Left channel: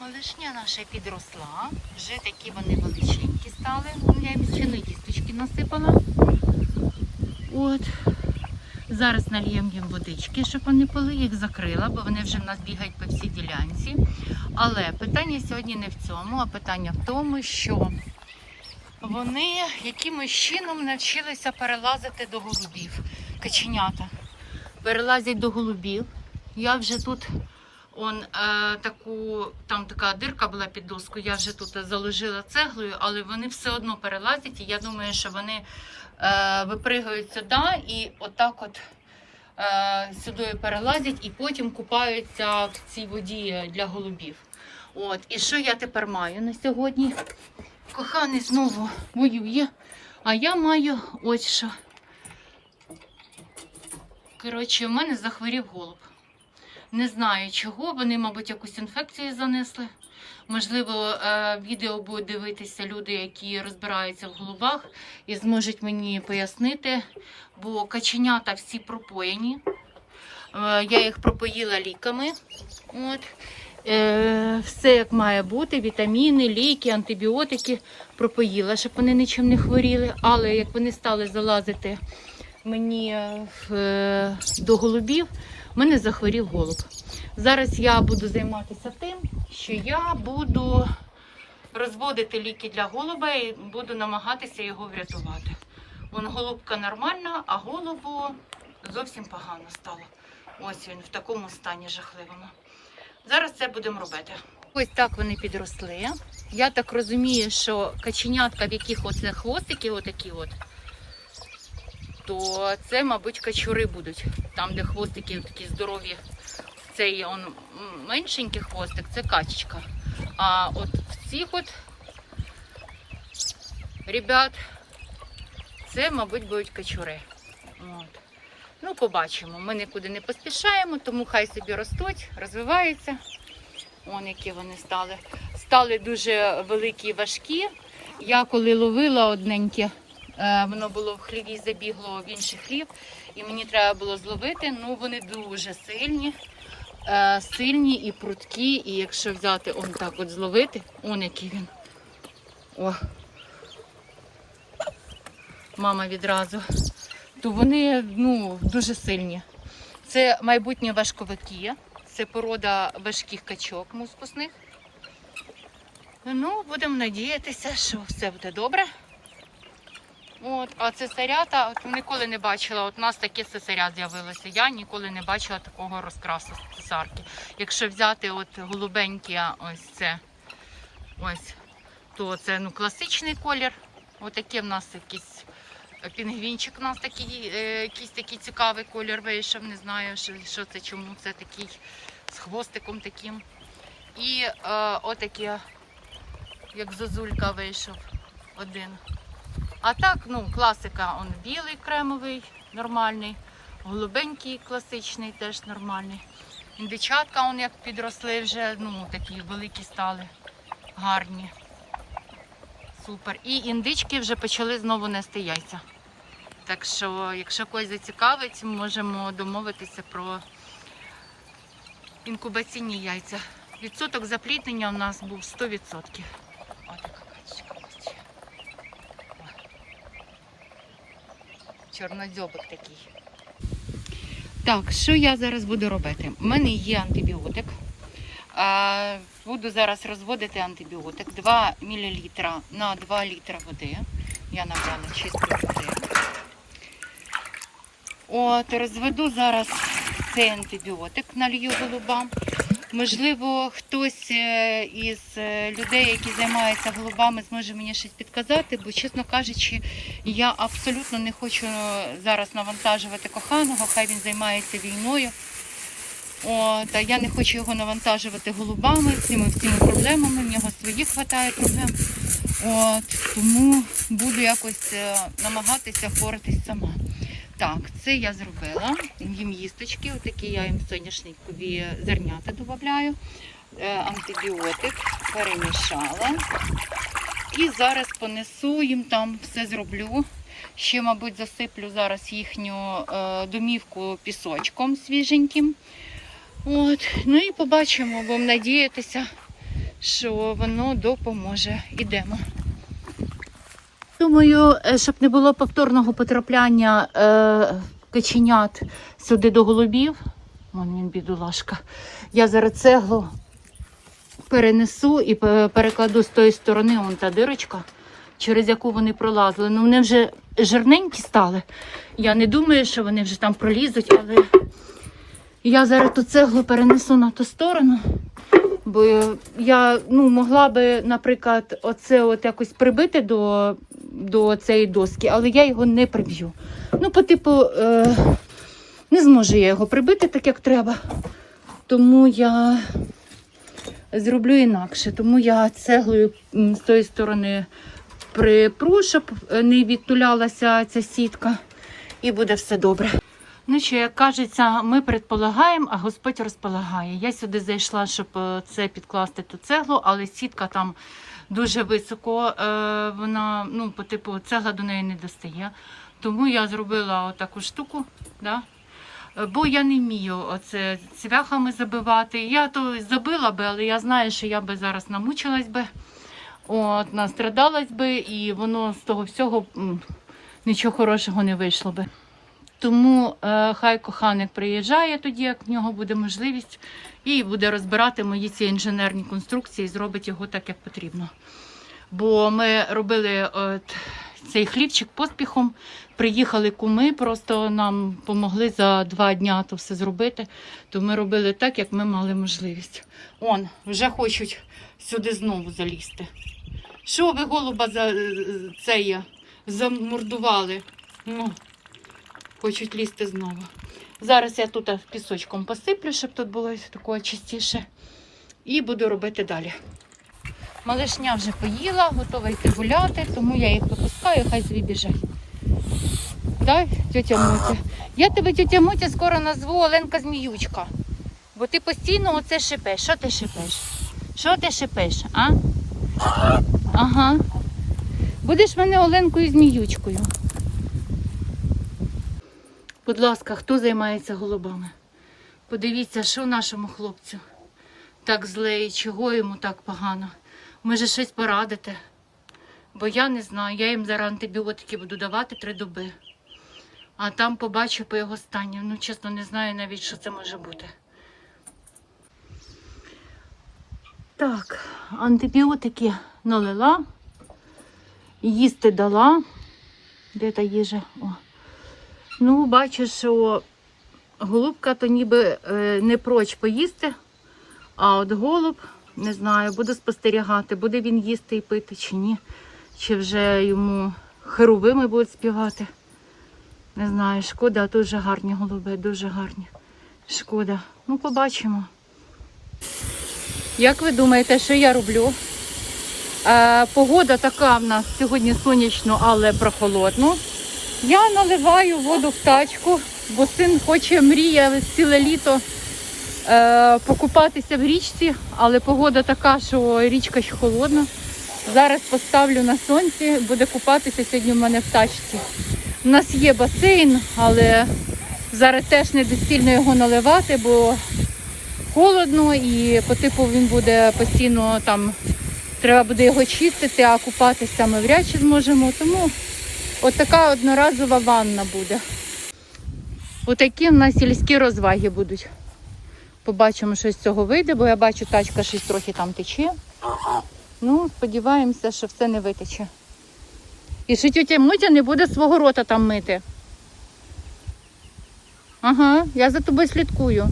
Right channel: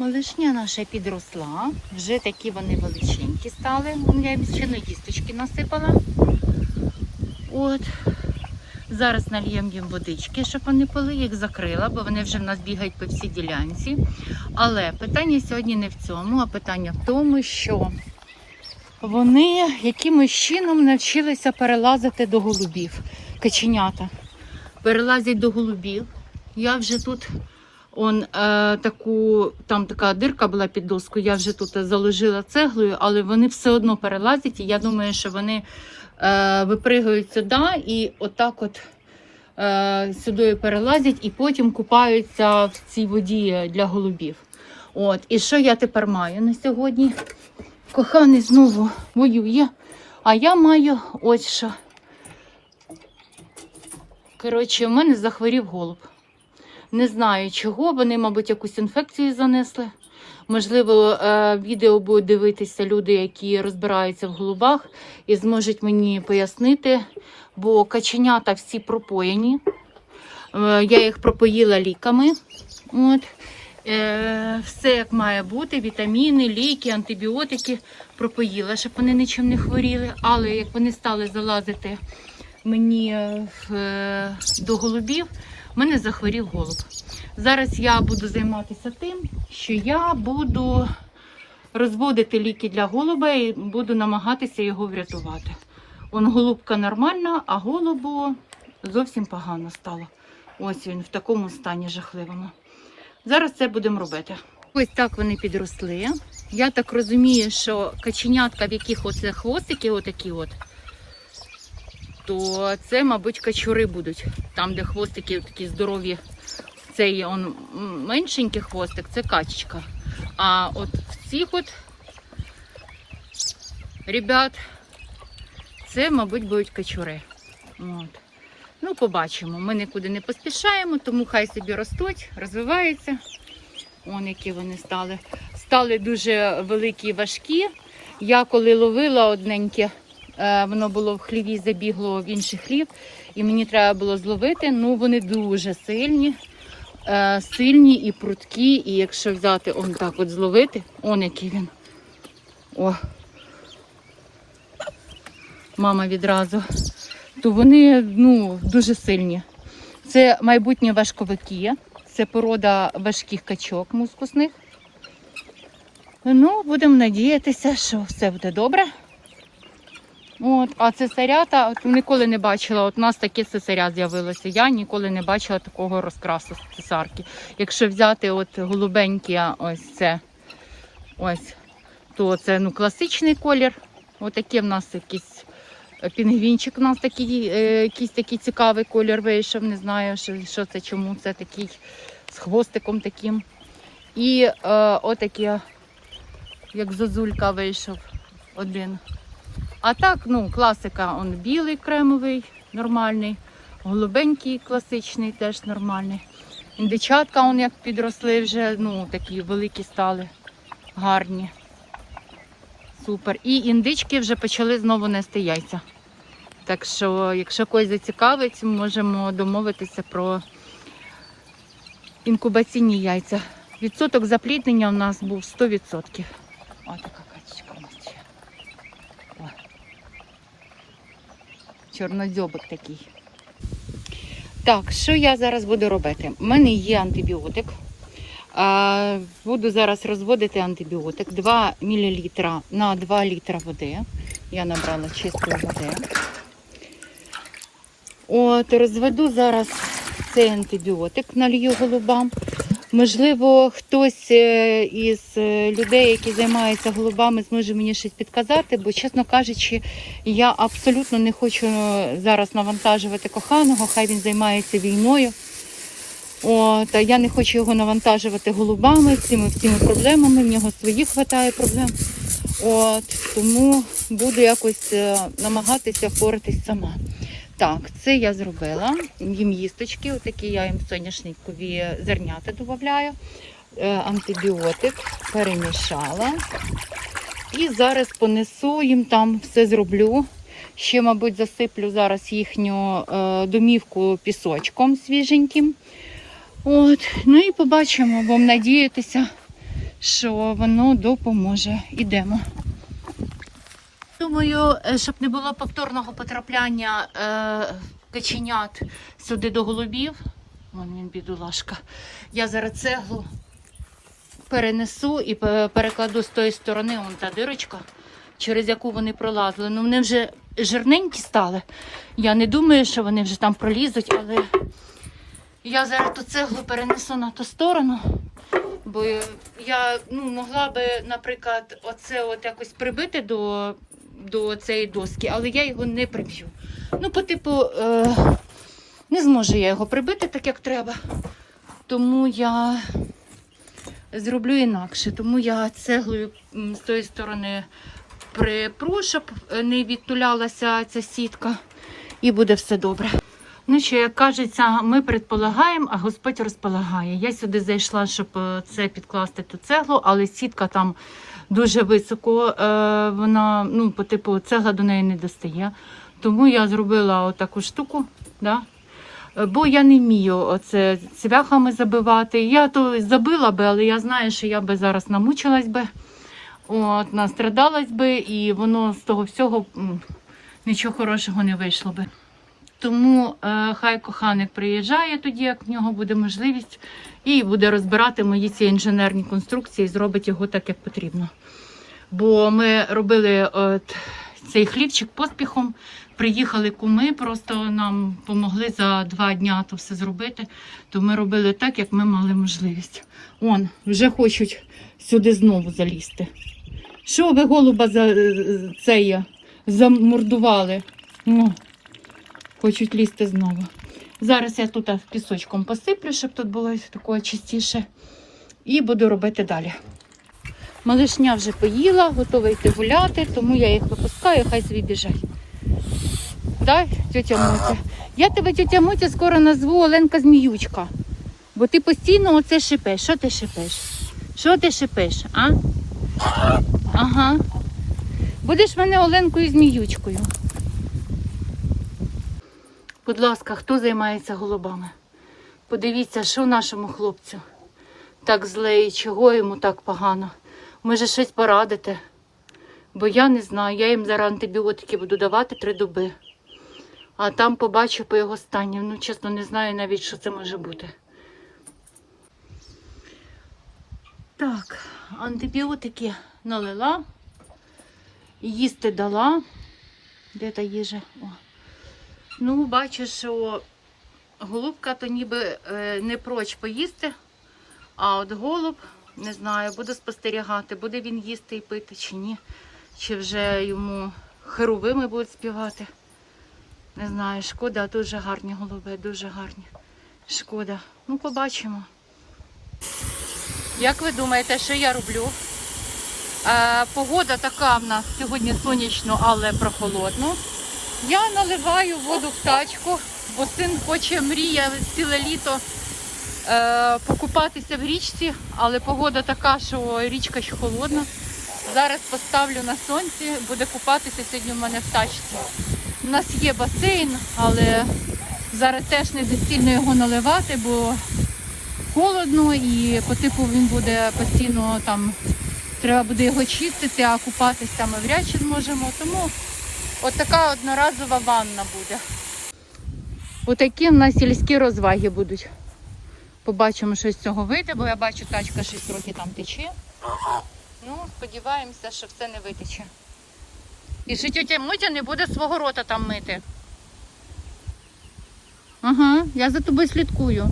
Малишня наша підросла. Вже такі вони величенькі стали. Я їм ще на дісточки насипала. От. Зараз нальємо їм водички, щоб вони пили, їх закрила, бо вони вже в нас бігають по всій ділянці. Але питання сьогодні не в цьому, а питання в тому, що вони якимось чином навчилися перелазити до голубів. Каченята перелазять до голубів. Я вже тут он, е, таку, там така дирка була під доскою, я вже тут заложила цеглою, але вони все одно перелазять. І я думаю, що вони е, випригають сюди і отак от е, сюди перелазять і потім купаються в цій воді для голубів. От. І що я тепер маю на сьогодні? Коханий знову воює. А я маю ось що. Коротше, у мене захворів голуб. Не знаю чого, вони, мабуть, якусь інфекцію занесли. Можливо, е, відео будуть дивитися люди, які розбираються в голубах і зможуть мені пояснити, бо каченята всі пропоєні. Е, Я їх пропоїла ліками. От. Е, Все як має бути: вітаміни, ліки, антибіотики пропоїла, щоб вони нічим не хворіли. Але як вони стали залазити мені до голубів, в мене захворів голуб. Зараз я буду займатися тим, що я буду розводити ліки для голуба і буду намагатися його врятувати. Он голубка нормальна, а голубу зовсім погано стало. Ось він в такому стані жахливому. Зараз це будемо робити. Ось так вони підросли. Я так розумію, що каченятка, в яких оце хвостики, отакі от, то це, мабуть, качури будуть. Там, де хвостики такі здорові, цей он меншенький хвостик, це качечка. А от в цих от ребят, це, мабуть, будуть качури. От. Ну, побачимо. Ми нікуди не поспішаємо, тому хай собі ростуть, розвиваються. Вон які вони стали. Стали дуже великі важкі. Я коли ловила одненьке, воно було в хліві, забігло в інший хлів, і мені треба було зловити. Ну, вони дуже сильні, е, сильні і прудкі. І якщо взяти он так от зловити, он який він. О. Мама відразу. То вони ну, дуже сильні. Це майбутні важковики, це порода важких качок мускусних. Ну, будемо надіятися, що все буде добре. От, а цесарята от ніколи не бачила. От у нас таке цесаря з'явилося. Я ніколи не бачила такого розкрасу з цесарки. Якщо взяти от голубенькі, ось це, ось, то це ну, класичний колір. Отакі в нас якісь е, пінгвінчик у нас такий, е, якийсь такий цікавий колір вийшов. Не знаю, що, що це, чому це такий з хвостиком таким. І е, отакі, як зозулька вийшов один. А так, ну, класика, он білий кремовий, нормальний, голубенький класичний, теж нормальний. Індичатка, он як підросли вже, ну, такі великі стали, гарні. Супер. І індички вже почали знову нести яйця. Так що, якщо когось зацікавить, можемо домовитися про інкубаційні яйця. Відсоток запліднення у нас був 100%. О, така качечка у нас ще. О. Чорнозьобик такий. Так, що я зараз буду робити? У мене є антибіотик. Буду зараз розводити антибіотик 2 мл на 2 літра води. Я набрала чистої води. От, розведу зараз цей антибіотик, налью голубам. Можливо, хтось е, із е, людей, які займаються голубами, зможе мені щось підказати, бо, чесно кажучи, я абсолютно не хочу зараз навантажувати коханого, хай він займається війною. От, я не хочу його навантажувати голубами, цими всіми проблемами. В нього своїх вистачає проблем. От, тому буду якось е, намагатися впоратись сама. Так, це я зробила. Їм їсточки, отакі я їм соняшникові зернята додаю. Антибіотик перемішала. І зараз понесу їм там все зроблю. Ще, мабуть, засиплю зараз їхню е, домівку пісочком свіженьким. От, ну і побачимо, будемо надіятися, що воно допоможе. Ідемо. Думаю, е, щоб не було повторного потрапляння е, каченят сюди до голубів. Вон він, бідолашка. Я зараз цеглу перенесу і перекладу з тої сторони, вон та дирочка, через яку вони пролазили. Ну, вони вже жирненькі стали. Я не думаю, що вони вже там пролізуть, але я зараз ту цеглу перенесу на ту сторону. Бо я ну, могла би, наприклад, оце от якось прибити до, до цієї доски, але я його не приб'ю. Ну, по типу, е, не зможу я його прибити так, як треба. Тому я зроблю інакше. Тому я цеглою з тої сторони припру, щоб не відтулялася ця сітка, і буде все добре. Ну що, як кажеться, ми предполагаємо, а Господь розполагає. Я сюди зайшла, щоб е, це підкласти ту цеглу, але сітка там дуже високо, е, вона, ну, по типу, цегла до неї не достає. Тому я зробила отаку штуку. Да? Е, Бо я не вмію оце цвяхами забивати. Я то забила би, але я знаю, що я би зараз намучилась би, от, настрадалась би, і воно з того всього нічого хорошого не вийшло би. Тому е, хай коханик приїжджає тоді, як в нього буде можливість, і буде розбирати мої ці інженерні конструкції, і зробить його так, як потрібно. Бо ми робили от, цей хлівчик поспіхом, приїхали куми, просто нам допомогли за два дня то все зробити. То ми робили так, як ми мали можливість. Он, вже хочуть сюди знову залізти. Що ви голуба за це замордували? Ну, хочуть лізти знову. Зараз я тут пісочком посиплю, щоб тут було такого чистіше. І буду робити далі. Малишня вже поїла, готова йти гуляти, тому я їх випускаю, хай собі біжать. Дай, тетя Мотя. Я тебе, тетя Мотя, скоро назву Оленка Зміючка. Бо ти постійно оце шипеш. Що ти шипеш? Що ти шипеш, а? Ага. Будеш мене Оленкою Зміючкою. Будь ласка, хто займається голубами? Подивіться, що нашому хлопцю так зле і чого йому так погано. Може, щось порадите? Бо я не знаю, я їм зараз антибіотики буду давати три доби. А там побачу по його стані. Ну, чесно, не знаю навіть, що це може бути. Так, антибіотики налила, їсти дала. Де та їжа? О. Ну, бачу, що голубка то ніби е, не проч поїсти, а от голуб, не знаю, буду спостерігати, буде він їсти і пити чи ні. Чи вже йому херовими будуть співати. Не знаю, шкода, дуже гарні голуби, дуже гарні. Шкода. Ну, побачимо. Як ви думаєте, що я роблю? Е, погода така в нас сьогодні сонячно, але прохолодно. Я наливаю воду в тачку, бо син хоче, мріє ціле літо е, покупатися в річці, але погода така, що річка ще холодна. Зараз поставлю на сонці, буде купатися сьогодні в мене в тачці. У нас є басейн, але зараз теж не доцільно його наливати, бо холодно і по типу він буде постійно там, треба буде його чистити, а купатися ми вряд чи зможемо. Тому От така одноразова ванна буде. Отакі в нас сільські розваги будуть. Побачимо, що з цього вийде, бо я бачу, тачка щось трохи там тече. Ну, сподіваємося, що все не витече. І що тетя Мотя не буде свого рота там мити. Ага, я за тобою слідкую.